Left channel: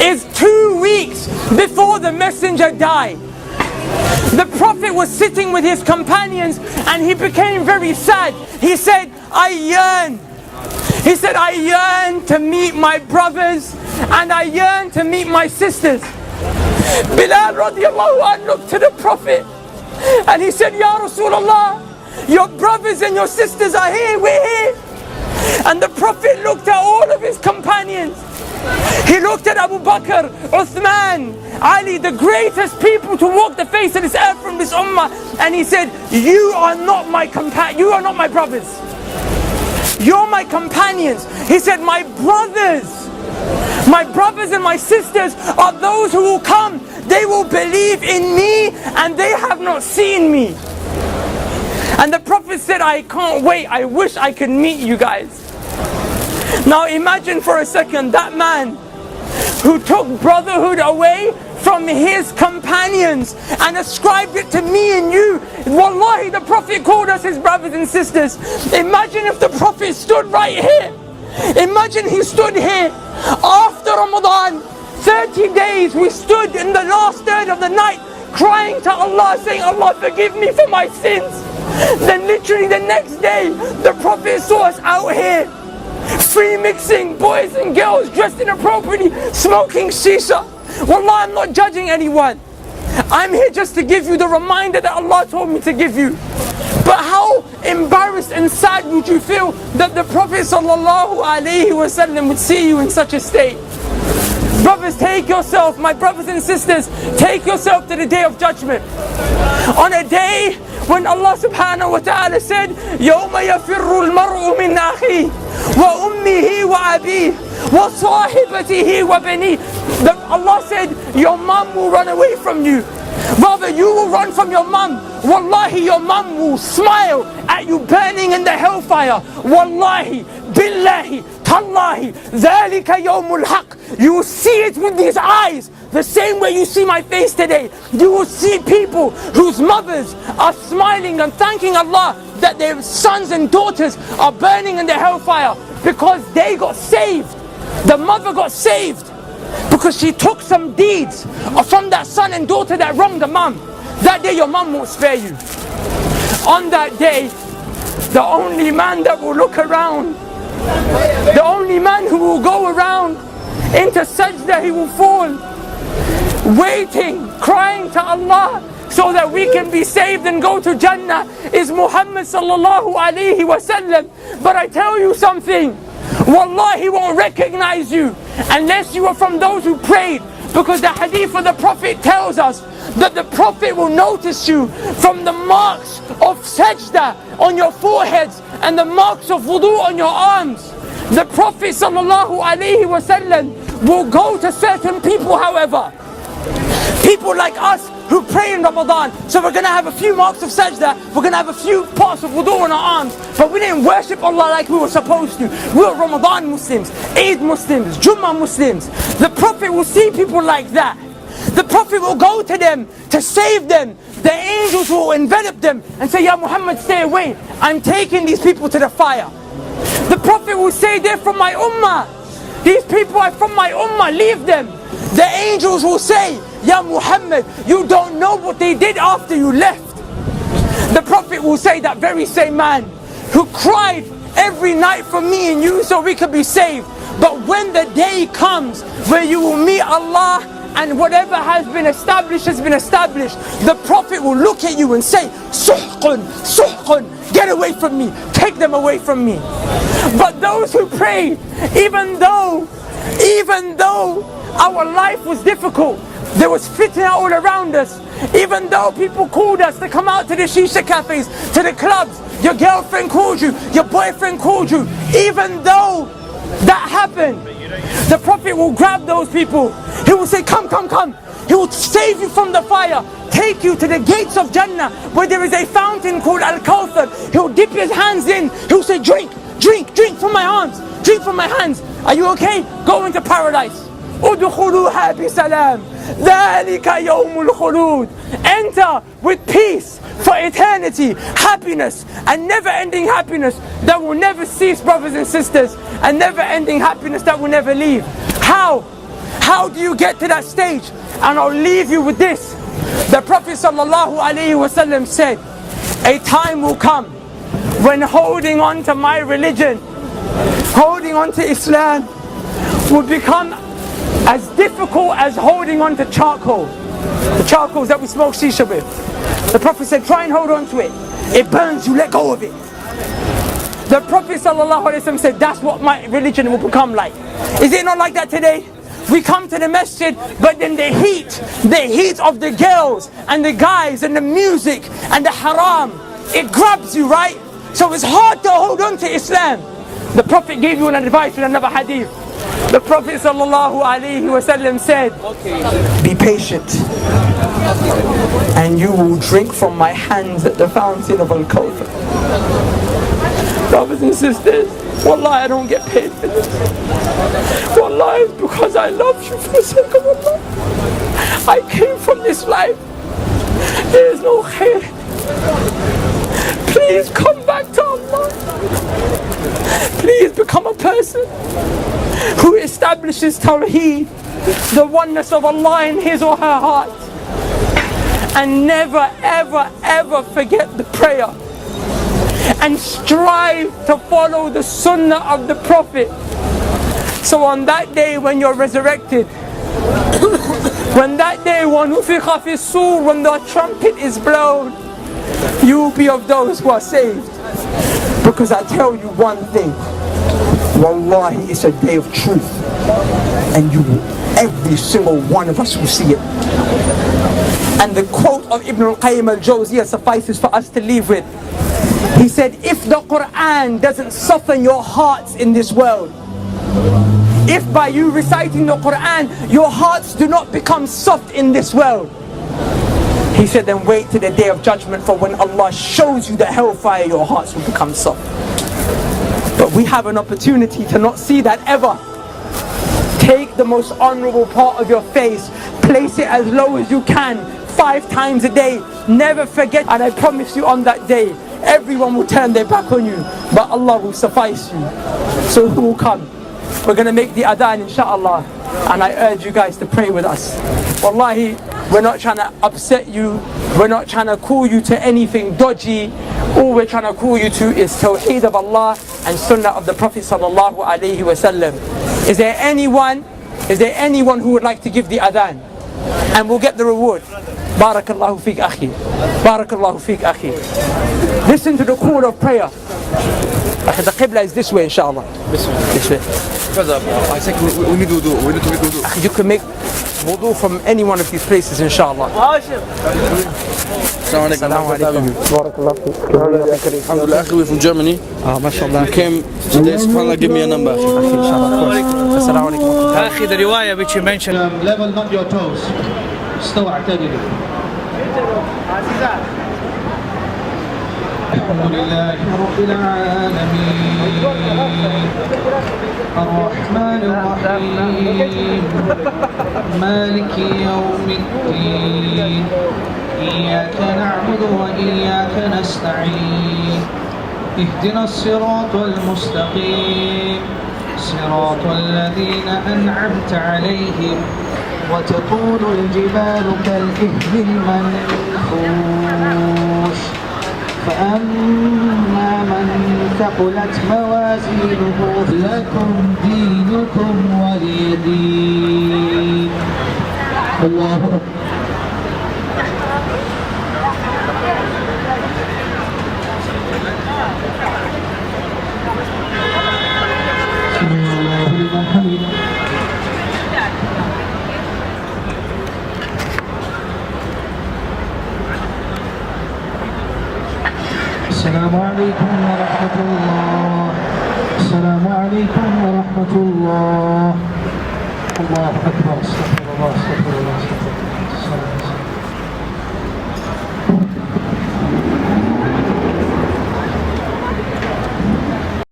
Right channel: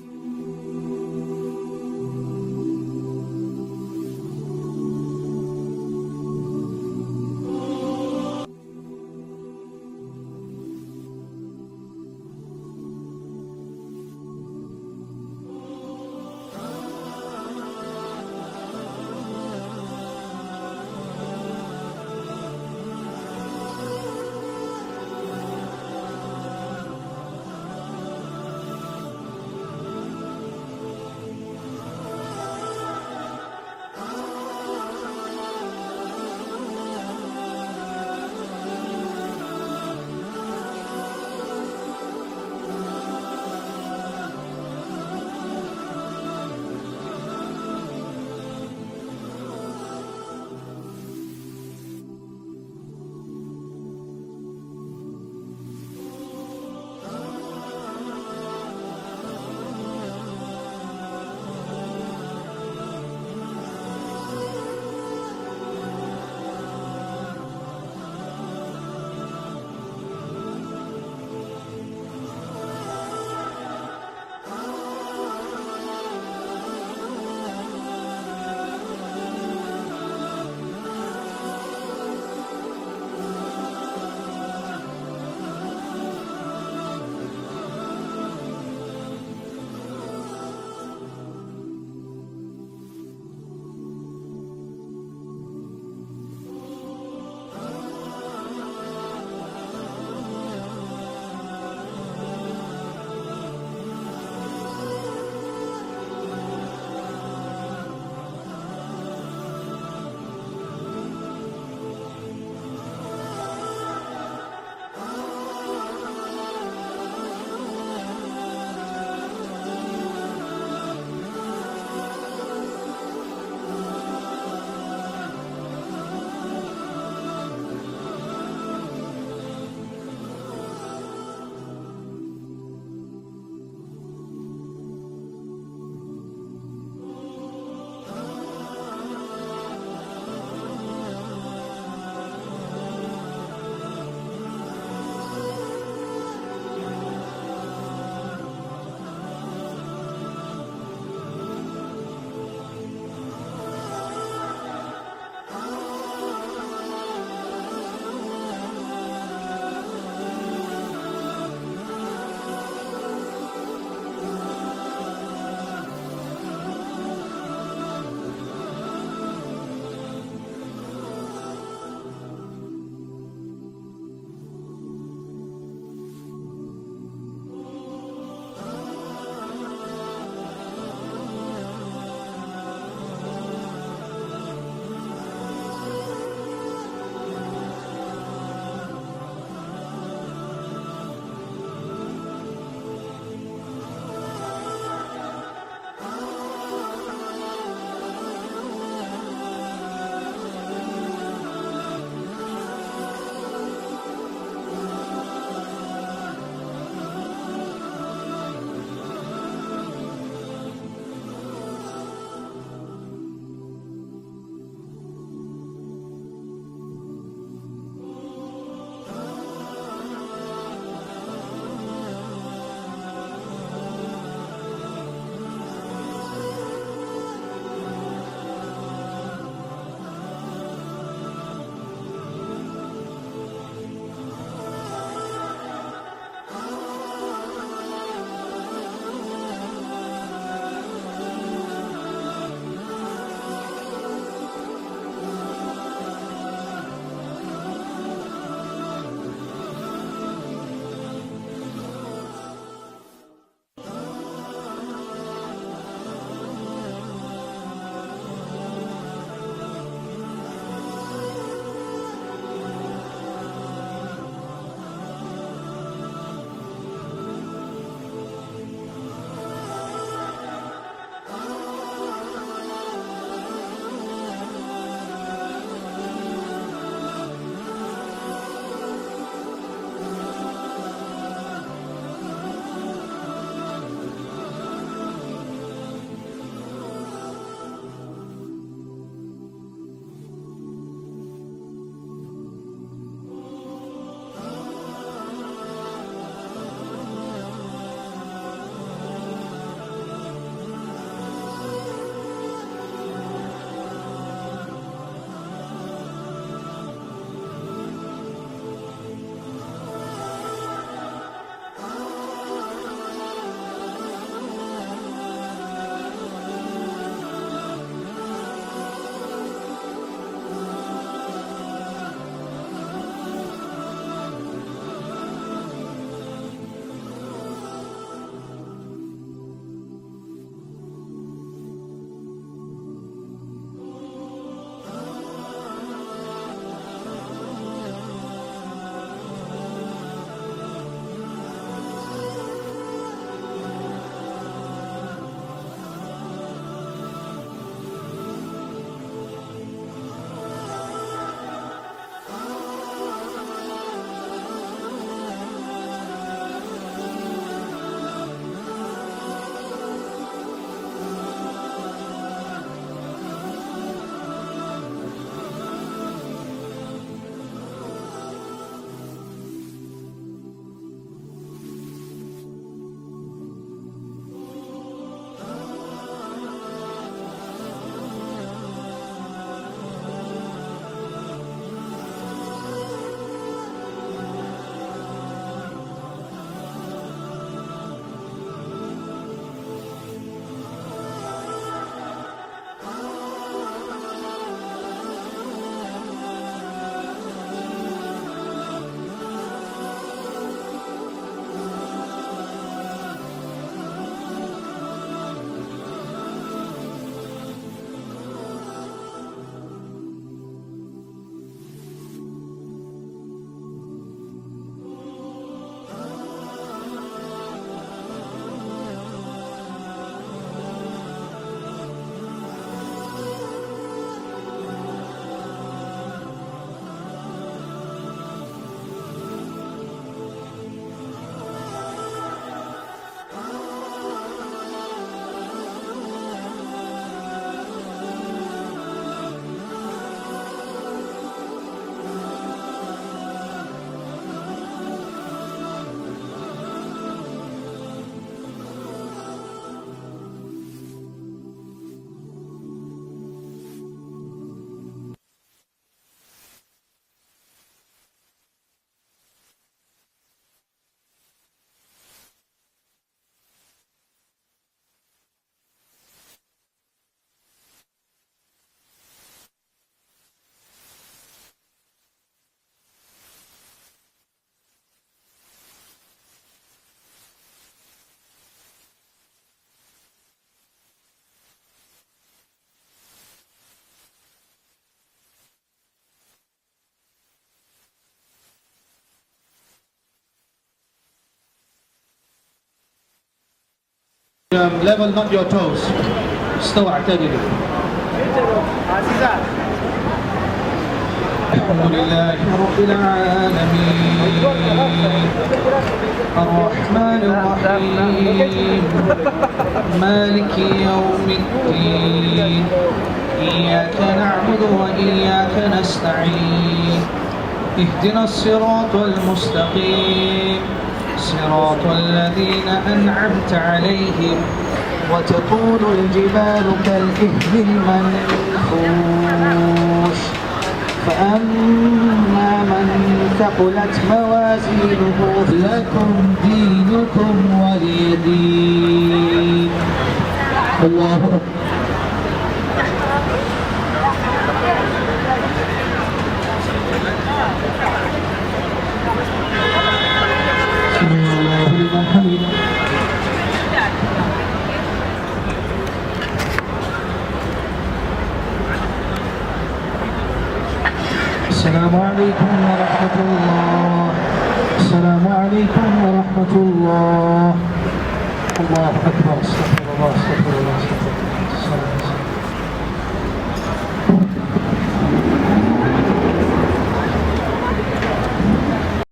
is 2 weeks before the messenger died. The Prophet was sitting with his companions and he became very sad. He said, I yearn to meet my brothers and I yearn to meet my sisters. Bilal radiallahu anh looked to the Prophet and he said, Ya Rasulullah, your brothers and your sisters are here, we're here. And the Prophet looked at all of his companions. He looked at Abu Bakr, Uthman, Ali, the greatest people to walk the face of this earth from this ummah, and he said, you are not my brothers. You're my companions. He said, my brothers and my sisters are those who will come. They will believe in me and they have not seen me. And the Prophet said, I can't wait. I wish I could meet you guys. Now imagine for a second that man who took brotherhood away from his companions and ascribed it to me and you. Wallahi, the Prophet called us his brothers and sisters. Imagine if the Prophet stood right here. Imagine he stood here after Ramadan, 30 days we stood in the last third of the night crying to Allah, saying, Allah forgive me for my sins. Then literally the next day the Prophet saw us out here free mixing, boys and girls dressed inappropriately, smoking shisha. Wallah, I'm not judging anyone. I'm here just to give you the reminder that Allah told me to give you. But how embarrassed and sad would you feel that the Prophet ﷺ would see you in such a state? Brothers, take yourself, my brothers and sisters, take yourself to the day of judgment. On a day when Allah subhanahu wa ta'ala said, يَوْمَ يَفِرُّ الْمَرْءُ مِنْ أَخِيهِ وَأُمِّهِ وَأَبِيهِ وَصَاحِبَتِهِ وَبَنِيهِ. Allah said, your mom will run away from you. Rather, you will run from your mom. Wallahi, your mom will smile at you burning in the hellfire. Wallahi, billahi, tallahi, dhalika yawmul haq. You will see it with these eyes. The same way you see my face today. You will see people whose mothers are smiling and thanking Allah that their sons and daughters are burning in the hellfire because they got saved. The mother got saved because she took some deeds from that son and daughter that wronged the mom. That day your mom won't spare you. On that day, the only man that will look around, the only man who will go around into sajda, he will fall, waiting, crying to Allah so that we can be saved and go to Jannah, is Muhammad sallallahu alayhi wasallam. But I tell you something, Wallahi, he won't recognize you unless you are from those who prayed, because the hadith of the Prophet tells us that the Prophet will notice you from the marks of sajda on your foreheads and the marks of wudu on your arms. The Prophet sallallahu alayhi wasallam will go to certain people, however, people like us who pray in Ramadan. So we're going to have a few marks of sajda, we're going to have a few parts of wudu on our arms, but we didn't worship Allah like we were supposed to. We were Ramadan Muslims, Eid Muslims, Jummah Muslims. The Prophet will see people like that. The Prophet will go to them to save them. The angels will envelop them and say, Ya Muhammad, stay away. I'm taking these people to the fire. The Prophet will say, they're from my ummah. These people are from my ummah, leave them. The angels will say, Ya Muhammad, you don't know what they did after you left. The Prophet will say, that very same man who cried every night for me and you so we could be saved. But when the day comes where you will meet Allah and whatever has been established has been established, the Prophet will look at you and say, Suhqun, Suhqun, get away from me, take them away from me. But those who prayed, even though our life was difficult, there was fitna all around us, even though people called us to come out to the shisha cafes, to the clubs, your girlfriend called you, your boyfriend called you, even though that happened, the Prophet will grab those people. He will say, come, come, come. He will save you from the fire, take you to the gates of Jannah where there is a fountain called Al-Kawthar. He will dip his hands in. He will say, drink, drink, drink from my arms, drink from my hands. Are you okay? Go into paradise. Udkhuluha bisalam. Dhalika yawmul khulud. Enter with peace for eternity, happiness, and never-ending happiness that will never cease, brothers and sisters, and never-ending happiness that will never leave. How How do you get to that stage? And I'll leave you with this. The Prophet ﷺ said, a time will come when holding on to my religion, holding on to Islam, will become as difficult as holding on to charcoal. The charcoals that we smoke Shisha with. The Prophet said, try and hold on to it. It burns you, let go of it. The Prophet ﷺ said, that's what my religion will become like. Is it not like that today? We come to the masjid, but then the heat of the girls and the guys and the music and the haram, it grabs you, right? So it's hard to hold on to Islam. The Prophet gave you an advice in another hadith. The Prophet ﷺ said, be patient, and you will drink from my hands at the fountain of Al-Kawthar. Brothers and sisters, wallahi, I don't get paid for this. Wallahi, it's because I love you for the sake of Allah. I came from this life. There is no khair. Please come back to Allah. Please become a person who establishes Tawheed, the oneness of Allah in his or her heart. And never, ever, ever forget the prayer. And strive to follow the sunnah of the Prophet. So on that day when you're resurrected, when that day when the trumpet is blown, you will be of those who are saved. Because I tell you one thing, wallahi, it's a day of truth, and every single one of us will see it. And the quote of Ibn al-Qayyim al-Jawziyah suffices for us to leave with. He said, if the Quran doesn't soften your hearts in this world, if by you reciting the Quran, your hearts do not become soft in this world, he said, then wait to the day of judgment, for when Allah shows you the hellfire, your hearts will become soft. But we have an opportunity to not see that ever. Take the most honorable part of your face, place it as low as you can, 5 times a day, never forget, and I promise you on that day, everyone will turn their back on you, but Allah will suffice you. So who will come? We're going to make the adhan, inshallah, and I urge you guys to pray with us. Wallahi, we're not trying to upset you, we're not trying to call you to anything dodgy. All we're trying to call you to is Tawheed of Allah and Sunnah of the Prophet sallallahu alaihi wasallam. Is there anyone who would like to give the adhan? And we'll get the reward. Barakallahu feek akhi. Barakallahu feek akhi. Listen to the call of prayer. The Qibla is this way, inshallah. This way. I think we need wudu. We need to make wudu. You can make wudu from any one of these places, inshallah. Assalamu alaikum. Alhamdulillah, we're from Germany. MashaAllah. We came today, subhanAllah, give me a number. Assalamu alaikum. Akhi, the riwayah which you mentioned. Level not your toes. استوى اعتدلوا. الحمد لله رب العالمين الرحمن الرحيم مالك يوم الدين إياك نعبد وإياك نستعين اهدنا الصراط المستقيم صراط الذين أنعمت عليهم وتكون الجبال كالإهل المنفوش فأما من ثقلت موازينه لكم دينكم ولي دين. الله أكبر. سمع الله لمن حمده. السلام عليكم ورحمة الله. السلام عليكم ورحمة الله. الله أكبر. استغفر الله استغفر الله استغفر الله.